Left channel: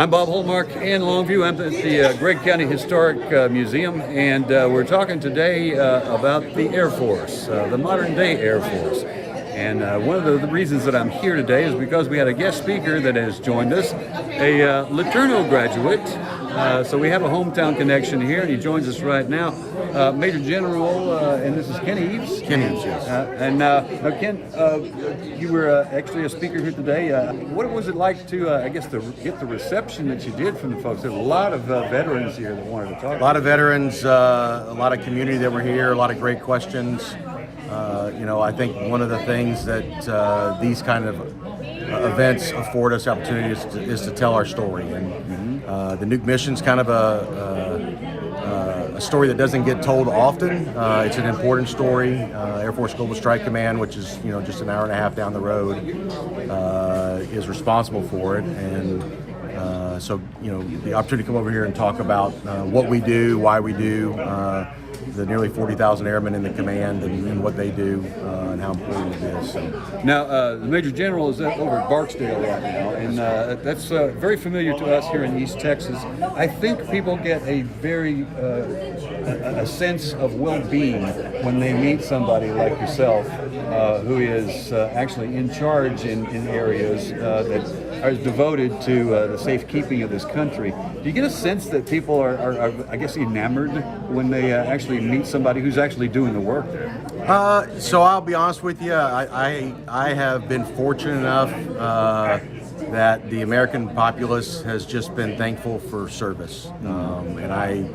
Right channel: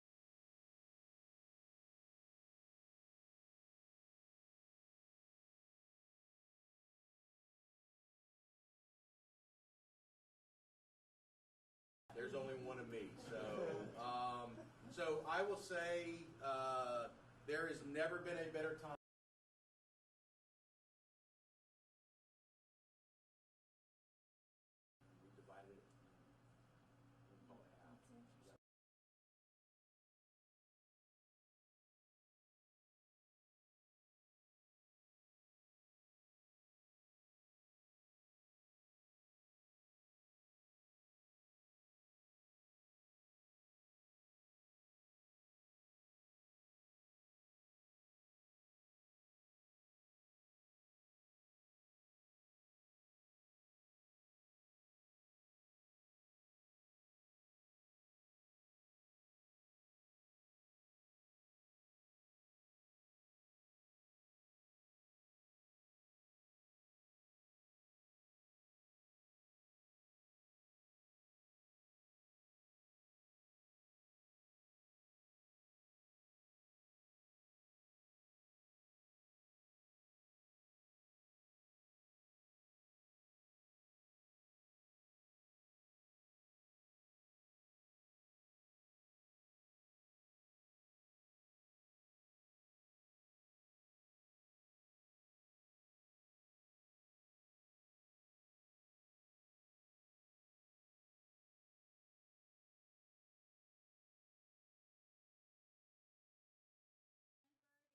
I'm Bob Holmark in Longview. I'm at the Gregg County Historic Museum, and we're talking today about the Air Force, the modern day Air Force. And one of the reasons that I'm here today is because we had a guest speaker that has joined us, a LeTourneau graduate. So we have a hometown connection here, and he joins us right now. Major General, and this is Ken Eves. Ken Eves, yes. Now, Ken, you were actually a speaker here today. What was it like to, I guess, to get the reception that you did from the folks? There's a lot of veterans here that wanted to talk. A lot of veterans, a lot of community that were here, a lot of great questions. I think one of the things that these kind of events afford us opportunities is to tell our story. And the Nuke Mission's kind of a story that doesn't get told often. It's an important story. Air Force Global Strike Command, which is just an hour and a half down the road, is responsible for it. And so the opportunity to come over here and talk about what we do, why we do, the nearly 40,000 airmen in the command and what they do and how important it is. So. Now, the Major General is over at Barksdale right now, and that's very familiar to us here in East Texas. I think people get a very a sense of well-being when they meet somebody like yourself who is actually in charge in areas that are devoted to the safekeeping of this country. Do you get a sense that people are I guess, enamored when they actually meet somebody who's actually doing the work there? So I'll be honest with you, I have been fortunate enough that the American populace has just been thankful for service, and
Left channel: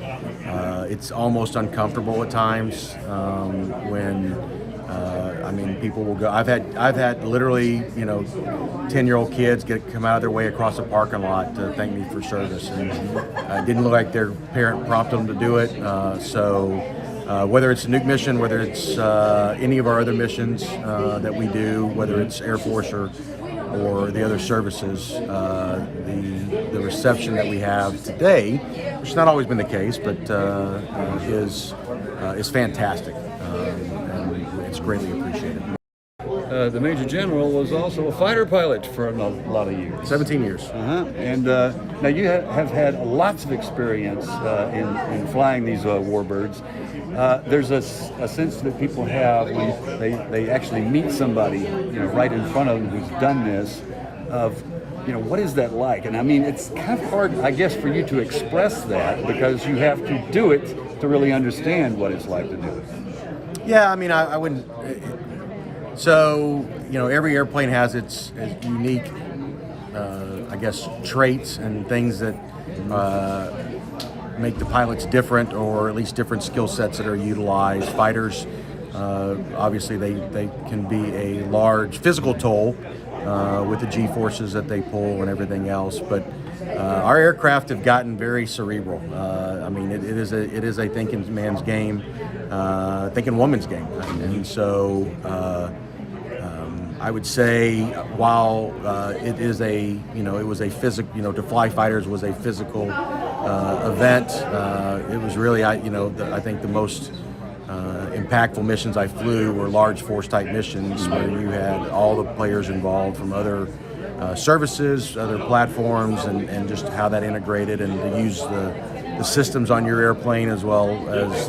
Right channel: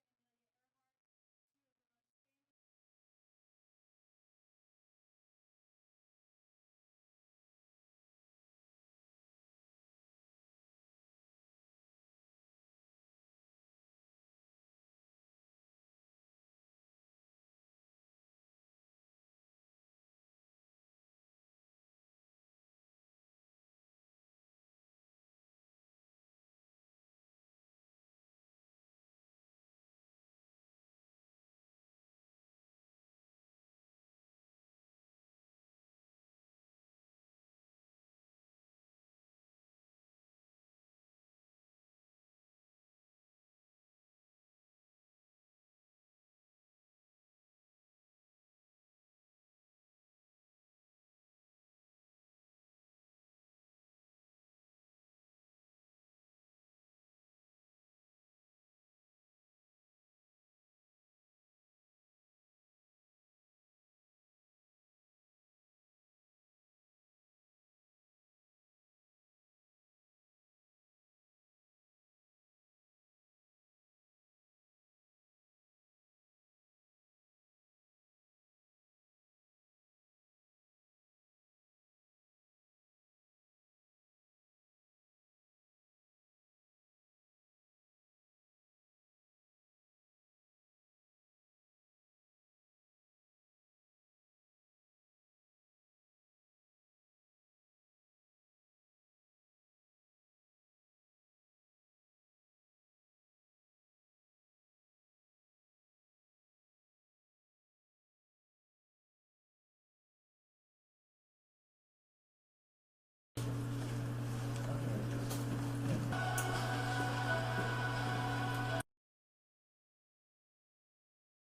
it's almost uncomfortable at times when people will go. I've had literally 10-year-old kids come out of their way across the parking lot to thank me for service, and it didn't look like their parent prompted them to do it. So whether it's a Nuke mission, whether it's any of our other missions that we do, whether it's Air Force or the other services, the reception that we have today, which has not always been the case, but is fantastic, and it's greatly appreciated. The Major General was also a fighter pilot for a lot of years. 17 years. And now you have had lots of experience in flying these warbirds. There's a sense that people have when they actually meet somebody, right in front of them who's done this, of what is that like? And I mean, it's kind of hard, I guess, for you to express that because you have to do it to really understand what it's like to do it. Yeah, I mean, I wouldn't. So, every airplane has its unique, I guess, traits and things that make the pilots different, or at least different skill sets that are utilized. Fighters, obviously, they can be a large physical toll with the G-forces that they pull and everything else. But our aircraft have gotten very cerebral. It is a thinking man's game, thinking woman's game, and so. I would say while it is it was a physical, to fly fighters was a physical event. It was really, I think the most impactful missions I flew were large force type missions where you had all the players involved from other services, other platforms, and just how that integrated, and to use the systems on your airplane as well as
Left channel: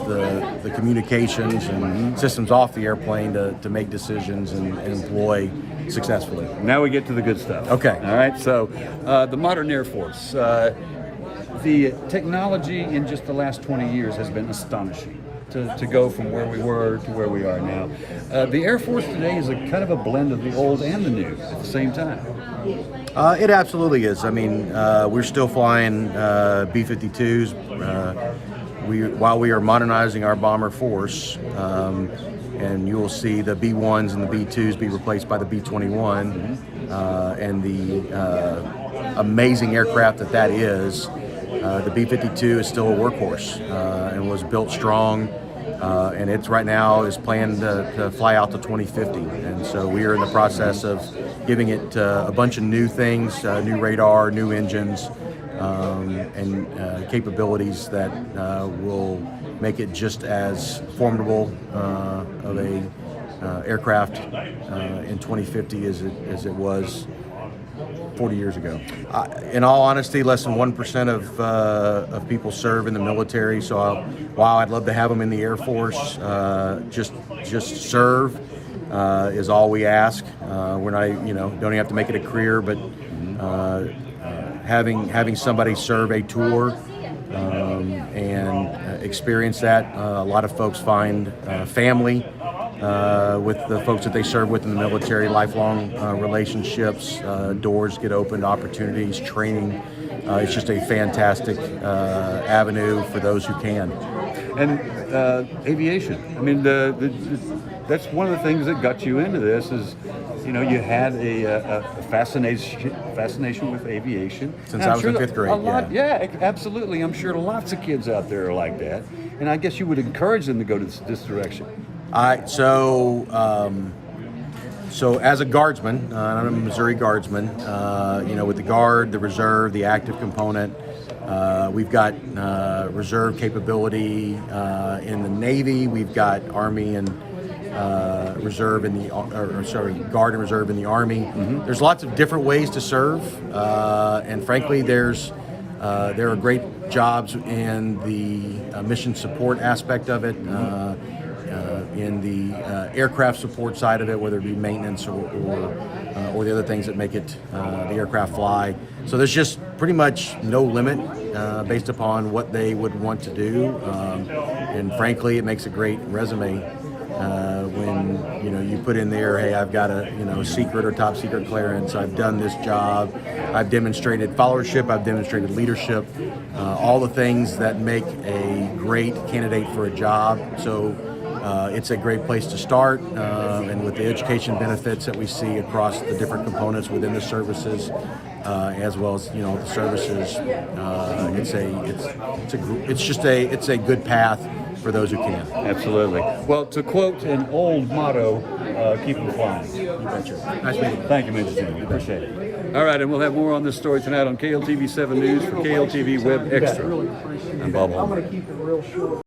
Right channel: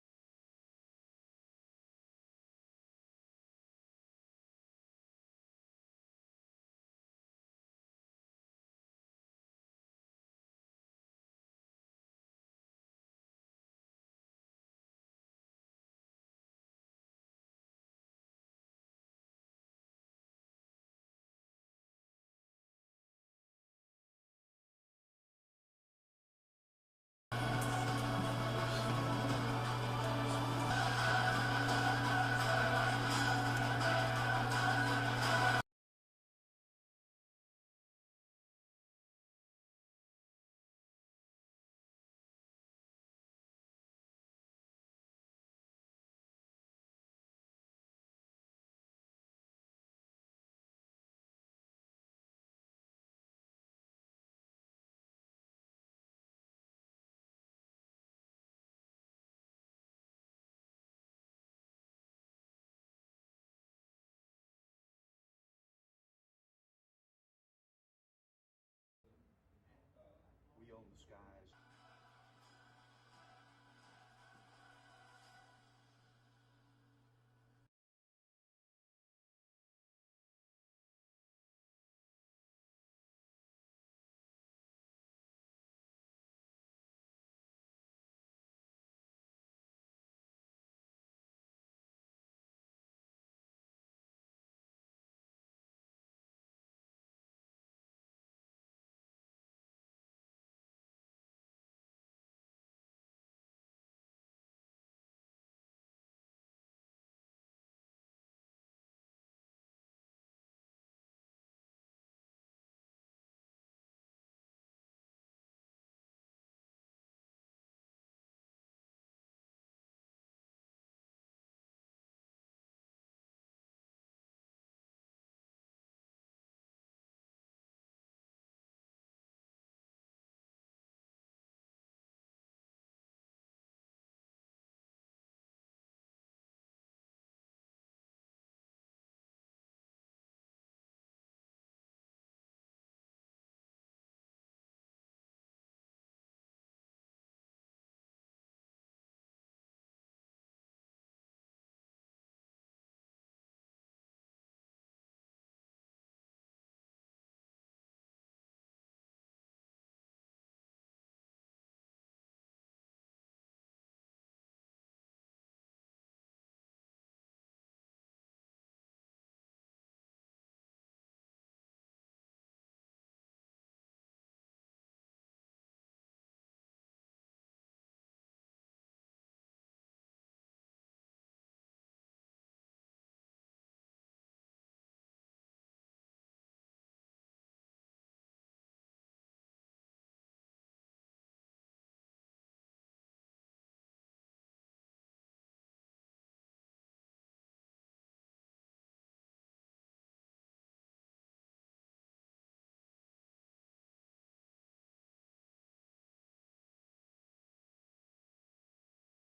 the communications and systems off the airplane to make decisions and employ successfully. Now we get to the good stuff. Okay. All right. So the modern Air Force, the technology in just the last 20 years has been astonishing. To go from where we were to where we are now. The Air Force today is a kind of a blend of the old and the new at the same time. It absolutely is. I mean, we're still flying B-52s while we are modernizing our bomber force, and you will see the B-1s and the B-2s be replaced by the B-21, and the amazing aircraft that is. The B-52 is still a workhorse and was built strong, and it's right now is planned to fly out to 2050. And so we are in the process of giving it a bunch of new things, new radar, new engines, and capabilities that will make it just as formidable of a aircraft in 2050 as it was 40 years ago. In all honesty, less than 1% of people serve in the military. So while I'd love to have them in the Air Force, just serve is all we ask. We're not, don't even have to make it a career, but having somebody serve a tour and experience that. A lot of folks find family with the folks that they serve with in the military, lifelong relationships, doors get opened, opportunities, training. It's just a fantastic avenue for those who can. And aviation. I mean, that's one of the things that got you into this is, you had a fascination with aviation. Since I was in fifth grade, yeah, absolutely. I'm sure lots of kids out there are like that. And I guess you would encourage them to go to this direction. So as a guardsman, I'm a Missouri guardsman, with the Guard, the Reserve, the active component, we've got reserve capability in the Navy, we've got Army and Reserve in the, Guard and Reserve in the Army. Mm-hmm. There's lots of different ways to serve, and frankly, there are great jobs in the mission support aspect of it. In the aircraft support side of it, whether it be maintenance or the other things that make it the aircraft fly. So there's just pretty much no limit based upon what they would want to do, and frankly, it makes a great resume when you put in there, hey, I've got a secret or top secret clearance. I've done this job. I've demonstrated followership. I've demonstrated leadership. All the things that make a great candidate for a job. So. It's a great place to start, and with the education benefits that we see across the different components within the services, as well as the services, it's a good path for those who can. Absolutely. Well, to quote an old motto, keep them flying. You betcha. Nice meeting you. Thank you, Major Jim. Appreciate it. All right, and we'll have more on this story tonight on KLTV 7 News for KLTV Web Extra. I'm Bob Holman.